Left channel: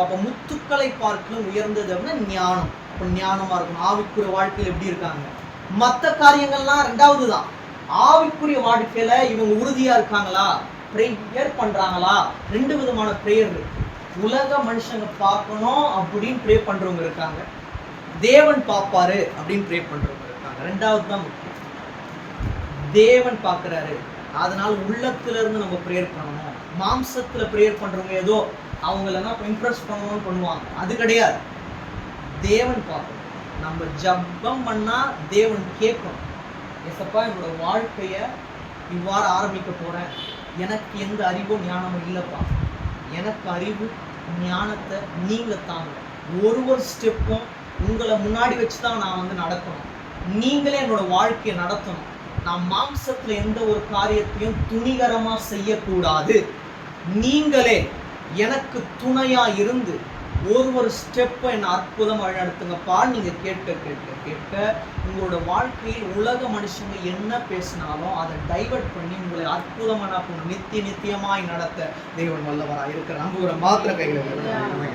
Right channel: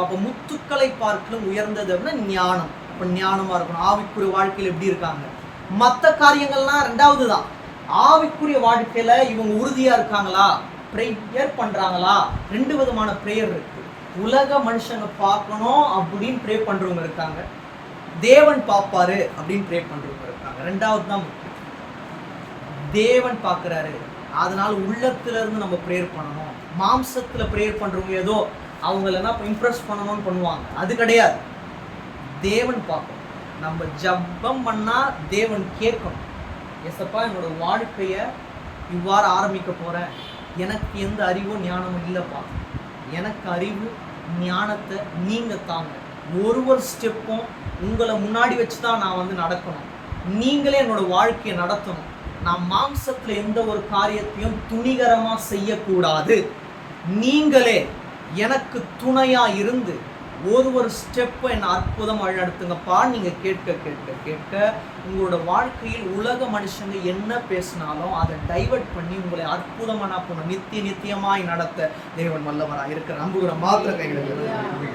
அப்போ முத்துக்களை பார்க்கலும் உயர்ந்தது அப்படின்னா ஞானம். அப்போ ஞானமா இருக்கணும். ஆவிக்குரிய வாழ்க்கையில் எப்படி இருக்காங்க? மற்ற காரியங்கள்லாம் ரெண்டாவது தான். ஆவிக்குரிய வாழ்க்கையில இவங்க உறுதியா இருக்காங்களா, ப்ரேயர் பண்றாங்களா? ரெண்டு விதமான ப்ரேயர் இருக்கு. உலக மனுஷங்க பார்க்கணும் அப்படின்னு ப்ரே பண்றவங்க இருக்காங்க, தேவன் பார்ப்பாரு அப்படின்னு ப்ரே பண்றவங்க இருக்காங்க. ரெண்டாவது தான் முக்கியம். தேவன் பார்க்கறாரு, அதனால உள்ளத்துல இருந்து நம்ம ப்ரேயர் பண்ணணும். மாம்சத்துல ப்ரேயர் பண்றவங்க ஏதோ அவங்களெல்லாம் இம்ப்ரெஸ் பண்ணணும்னு பண்ணுவாங்க, அது கிடையாது. தேவன் பார்க்கணும். நம்ம ஜபம் பண்ணா தேவன் கேட்கணும். எசப்பா, என்னோட வாழ்க்கைய இவ்வாறு ஆரம்பிக்க போறேன், எனக்கு எந்த அறிவும் ஞானமும் இல்லைப்பா, எனக்கு அறிவு ஞானத்தை நீங்க தாங்க. ஒரு ஸ்டெப்பும் உங்களை முன்னாடி வச்சு தான் நான் நடக்கணும். நீங்களே என்னோட வாழ்க்கையை நடத்தணும். நான் மாம்சத்துல எந்த ஒரு காரியத்தையும் துணிகரமா செய்யக்கூடாது. நீங்களே எனக்கு துணையா இருந்து ஒரு ஸ்டெப்பை என்னை அற்புதம் வழிநடத்துங்கப்பா. நீங்க கேட்க கேட்க கேட்க உங்களோட வாழ்க்கையில் உலக மனுஷங்க என்ன பேசினாலும் அதை டைவர்ட் பண்ணி உங்களை அற்புதமான நித்தியமாய் நடத்த தேவன் வல்லவராக இருக்கிற நம்புகிற மாத்திர கைகளை